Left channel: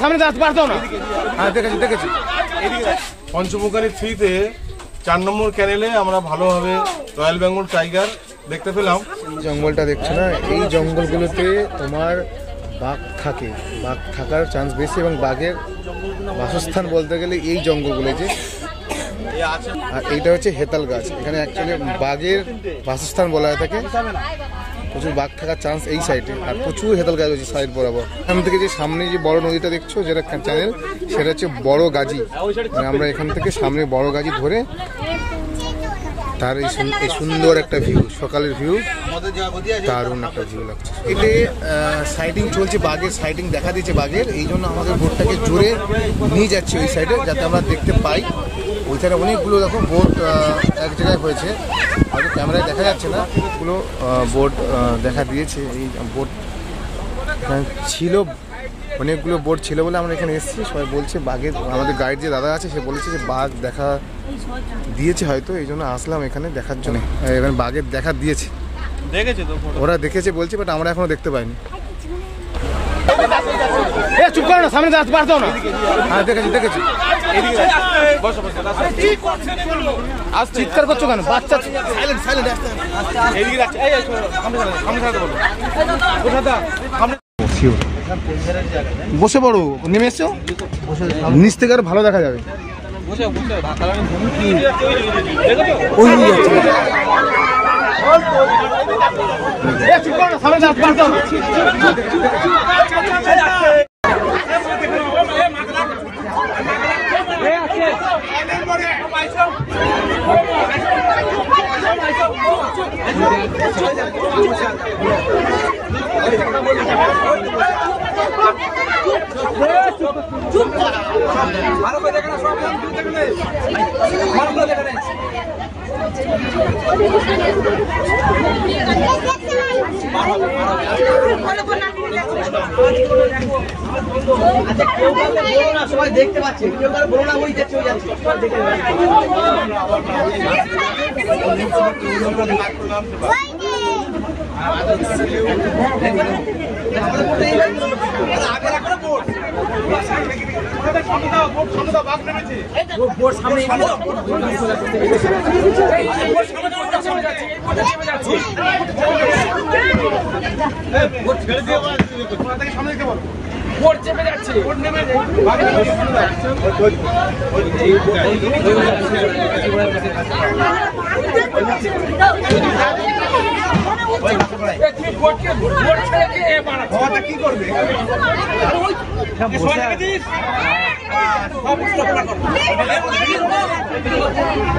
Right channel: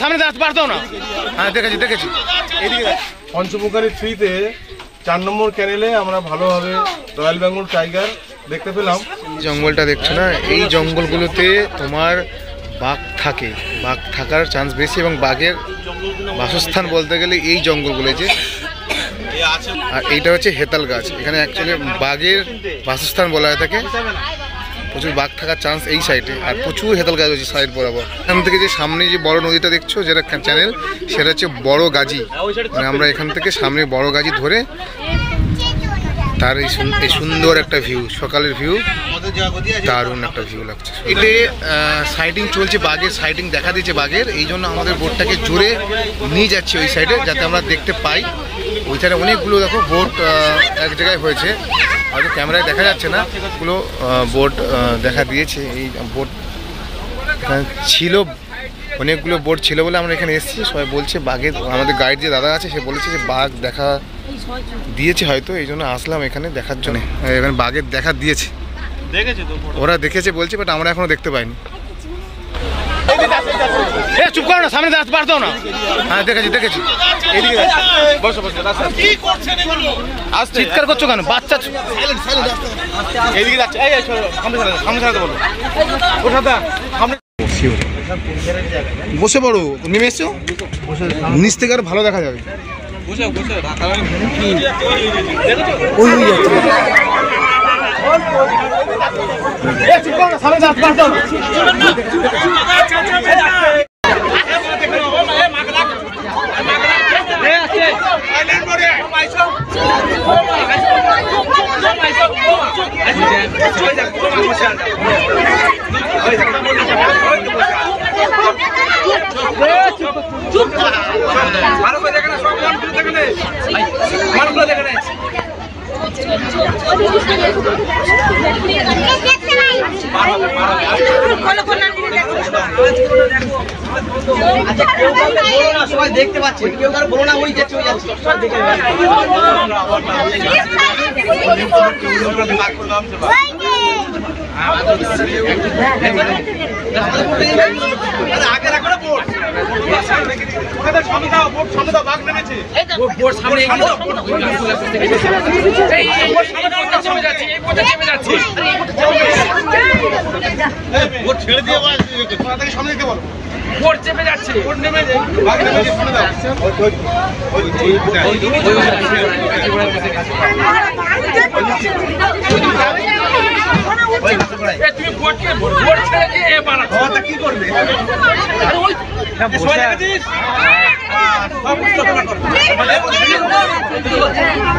সামনে আসতে পারতো না। হ্যাঁ দেখেছি। পঞ্চমুখারী 3-তে 4 নম্বর ক্যানেলে আমরা ভালোভাবে রয়্যাল বেঙ্গল টাইগার দেখতে পেলাম। জঙ্গলটা দেখছো না, এই জঙ্গলগুলোতে তোমার বাঘ থাকে, বাঘ থাকার চান্স বেশি এবং বাঘের বাসস্থান বলতে গেলে এই জঙ্গলগুলো যে। আর এইটা হচ্ছে হেতাল গাছ, এখানে অ্যাকচুয়ালি বাঘের বাসস্থান বলা হয়ে থাকে। প্রচুর বাঘ থাকার চান্স এই সাইডে, আর প্রচুর হেতাল গাছ হচ্ছে সাইড বরাবর। এখান থেকে যে সামনে যে বড় নদীটা দেখছো যেটা চ্যানেল, সেটা হচ্ছে বড় গাজী। মানে আমরা এখান থেকে সামনে বড় গাজী ধরে তার এই সুন্দর একটা ভিউ, সকালের ভিউ, দারুণ একটা ভিউ লাগছে। এতে সাইডিং চলছে, বাঘের সাইডিং দেখা দিয়েছে বাঘের, এই জন্য আমাদের বোটটাকে জোরে নিয়ে যাচ্ছে ওই সাইডে যাতে আমরা দেখতে পাই। ওই সাইডে অনেকগুলো দেখো বোট এক জায়গায় হয়েছে, হয়তো ক্যামেরায় দেখা যাচ্ছে না, ওগুলো বোট দেখা দিয়েছে। এই বোট এখানে ছিল, অনেকগুলো বোট ছিল বলে আমরা এখানে এসেছি। সবাই বলছে বাঘের, আমাদের গাইড যে দাদা আছে সে বলেছে যে বাঘ দেখা দিয়েছে হয়তো, এই জন্য আসলাম এখানে দেখার জন্য। এখানে বাঘের দেখা দিয়েছে, ওরা দেখেছে বলছে, বাট আমরা এখনো দেখতে পাইনি। চুপ করো না, সামনে আসতে পারতো না। হ্যাঁ দেখেছি। চিৎকার করছো কেন? বাচ্চা বসে পড়ো, নেমে এসছো নিচ থেকে আর ভালো দেখা যাবে। ওই সামনে আসতে পারতো না। দেখতে পাচ্ছি কেউ তার বলো না, ওই যাচ্ছে ছেড়ে দিয়ে সামনে দিতে পারো। বোট চেপে যাচ্ছে, বোট নেমে যায়, বাঘ নেমে যায়, সামনে দাও। তুমি বোট ছেড়ে দিয়ে বানাচ্ছো, কি করবে?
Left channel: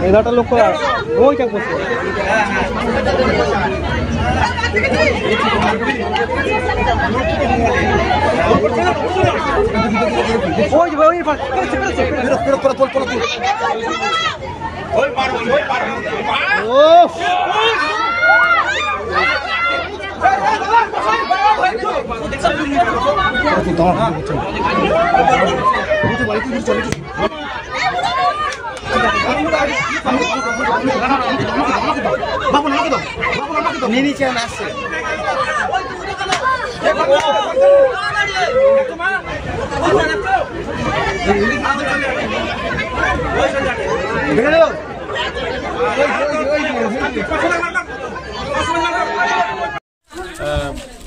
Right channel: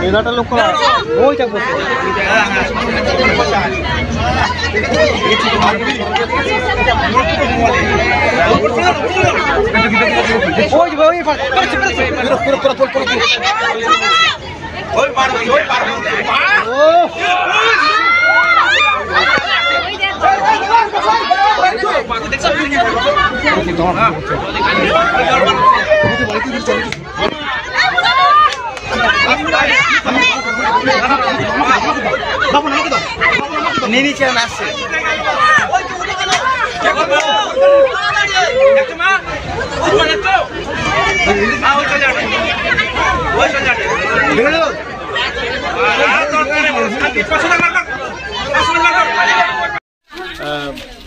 এগারোটা লোক ওইটা করতে নিচে আসছে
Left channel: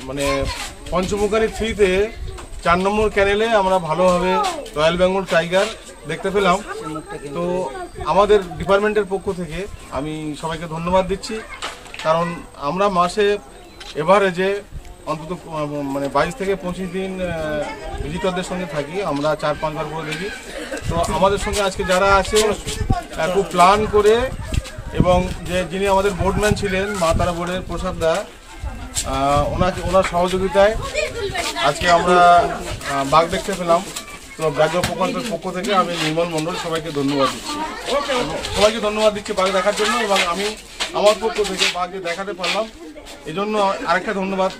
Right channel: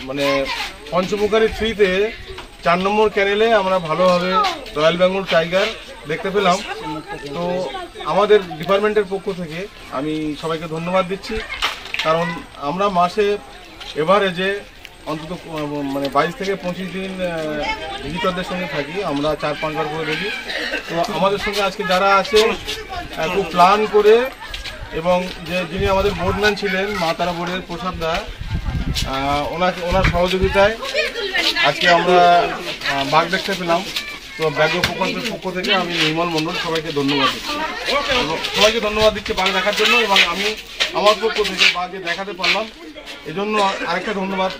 মানে পঞ্চমুখারী 3-তে 4 নম্বর ক্যানেলে আমরা ভালোভাবে রয়্যাল বেঙ্গল টাইগার দেখতে পেলাম। তো আমাদের ডিপার্টমেন্টের পক্ষ থেকে আমি সবাইকে ধন্যবাদ দিচ্ছি, কারণ আমরা মাসে এভারেজে অন্তত মানে 22 থেকে 25 দিন ভিজিটরদের সঙ্গে থাকি, আমরা 4-5 বার করে দেখি। তো আমাদের সঙ্গে আজকে যারা আছে খুব প্ল্যান করে, এবং যিনি আমাদের বোর্ডম্যান ছিলেন মা তারা বোর্ডের প্রসাদ দা, ওনার সহযোগিতায় আজকে আমরা বাঘ দেখতে পেলাম। তো ব্যাঘ্র প্রকল্পের পক্ষ থেকে আমি নির্মল মণ্ডল সবাইকে ধন্যবাদ দিচ্ছি বাঘ দেখার জন্য, এবং আমি আমার পক্ষ থেকে বাঘ দেখাতে পারলাম এজন্য আরেকটা ধন্যবাদ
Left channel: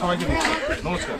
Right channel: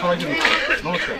সবাইকে দিচ্ছি। নমস্কার।